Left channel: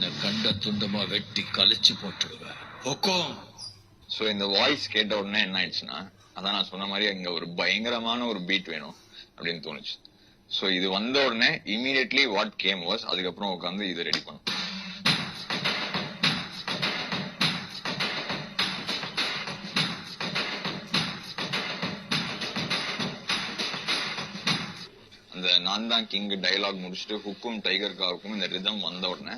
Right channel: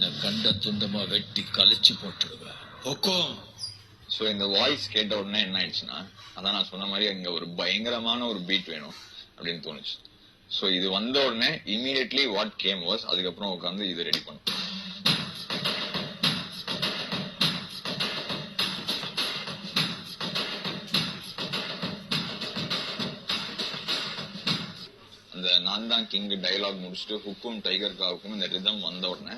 உன்னை கண்ட துண்டமா வெட்டி கழிச்சு போட்டுருவேன். ஹொக்கோம். ஸோ இந்த வாய்ஸ் கேட்ட உடனே என்ன ஆயிடுச்சுன்னா, அதான் நான் சொன்ன மாதிரி இங்க ஒரு பயங்கரமான ஒரு பீட் வேணும் அப்படின்னு தோணுச்சு. ஸோ இது வந்த உடனே இமீடியட்லி வாட் கேம் வாஸ், அதுக்கப்புறம் உட்காந்து இது ரெடி பண்ணும். அந்த நான் தான் கிங் டைலாக் முடிச்சுட்டு ஹுக்கும் டைகர் காவுக்கும் இந்த ரிதம் வந்த உடனே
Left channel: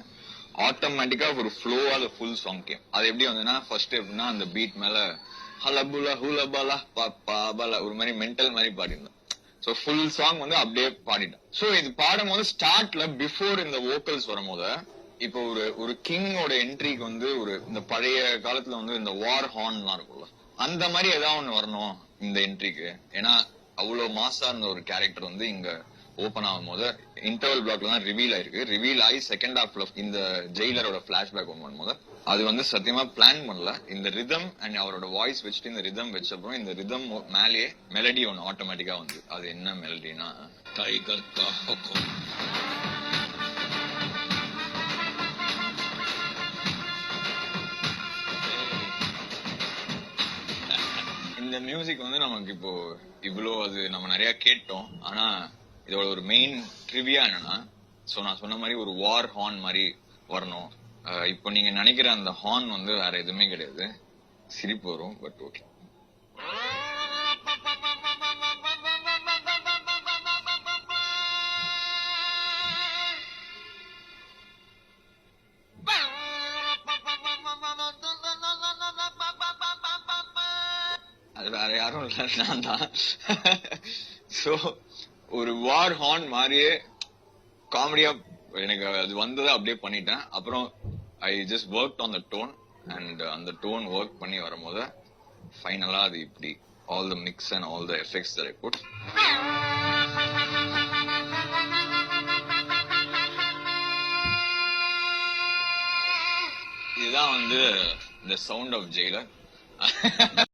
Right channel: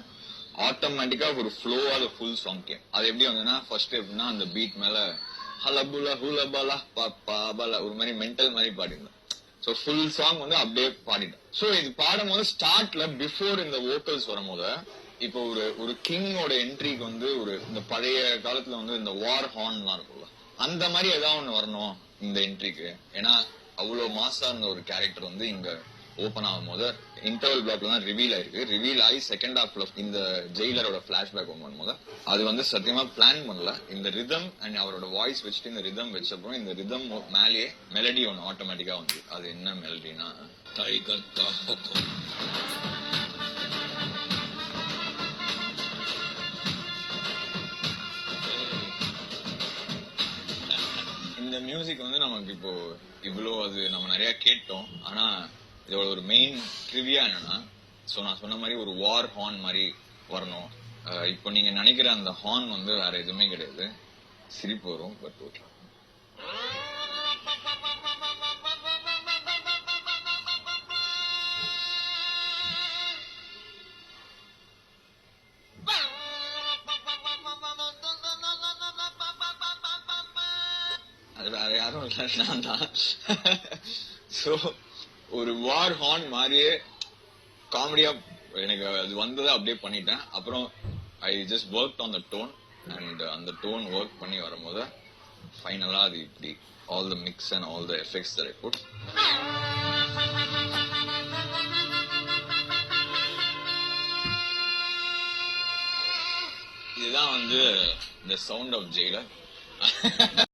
ஆட்டோமேட்டிக்கா ஒரு ஃப்ளோவா அந்த ஃபுல் சாங் கேம். அது எப்படி வந்ததுன்னா, ஃபர்ஸ்ட் எப்படின்னா அந்த பீட் மேல ஹலபுலா ஹுலபலா பாபலா ஒரு மாதிரி மென்டல் மாதிரி பாடிருந்தேன். ஸோ ஃபுல் சாங் வந்து அப்படியே பாடிட்டேன். ஸோ இது பாடும் போது ஸ்டார்ட்ல பிஃபோர் இந்த வோக்கல்ஸ் வரும்போது, இப்போ ஒரு கிங்கோட என்ட்ரிக்கு வந்து இந்த பழைய காலத்துல வந்து இந்த வார் ஹார்ன்லாம் இருக்கும்ல, அந்த மாதிரி ஏதாவது ஒண்ணு வரணும் இந்த என்ட்ரிக்கு. ஏன்னா அவ்வளவு மாசா இருந்த ஒரு கேரக்டர் வந்து இங்க ஓபன் ஆகும் போது இன்டர்வல் பிளாக்ல தான் ரிவீல் ஆயிருக்கு. ரிவீல் ஆகி செகண்ட் ஹாஃப்ல இந்த ஜெயிலரோட பிளாஷ்பேக் ஒன்று பண்ணும்போது அது வந்து சத்தியமா பிளான் பண்ணல. இந்த ரிதம் அண்ட் அவரோட வாய்ஸ் வச்சுட்டு இந்த ரிதம் வச்சப்பறம் இந்த ரிதம் மேலேயே மெலடி ஒன்று ஆட்டோமேட்டிக்கா வந்து, அது என்ன மெலடினா டைகர் கா ஹுக்கும். இந்த மியூசிக் வந்து நமக்கு இப்போ இவ்வளோ அது நம்ம நிறைய கேட்டோம். ஆனா இதோட ஒரு மெயின் ட்ரிவியா என்னன்னா, சோ நான் சொன்ன மாதிரி ஒரு வார் ஹார்ன் மாதிரி வரணும். இப்போ நீங்க நினைக்கிற அந்த ஹார்ன் வந்து வேற எதுவுமே கிடையாது. சிரிப்பு வரும், பட் ஓகே. அது வேற யாரும் இல்ல, நான் தான். சோ ஒரு வார் ஹார்ன் மாதிரியே காமெடியா எனக்கு அது வந்ததை அப்படியே பண்ணிட்டேன். அப்புறம் I just work on the tone and அந்த டோன் ஒர்க் பண்ணி வரும்போது ஃபைனலா அது இப்படி all the mix and all the effects that I put. இதுதான் வந்து த சவுண்ட் ஆஃப் ஜெயிலர்.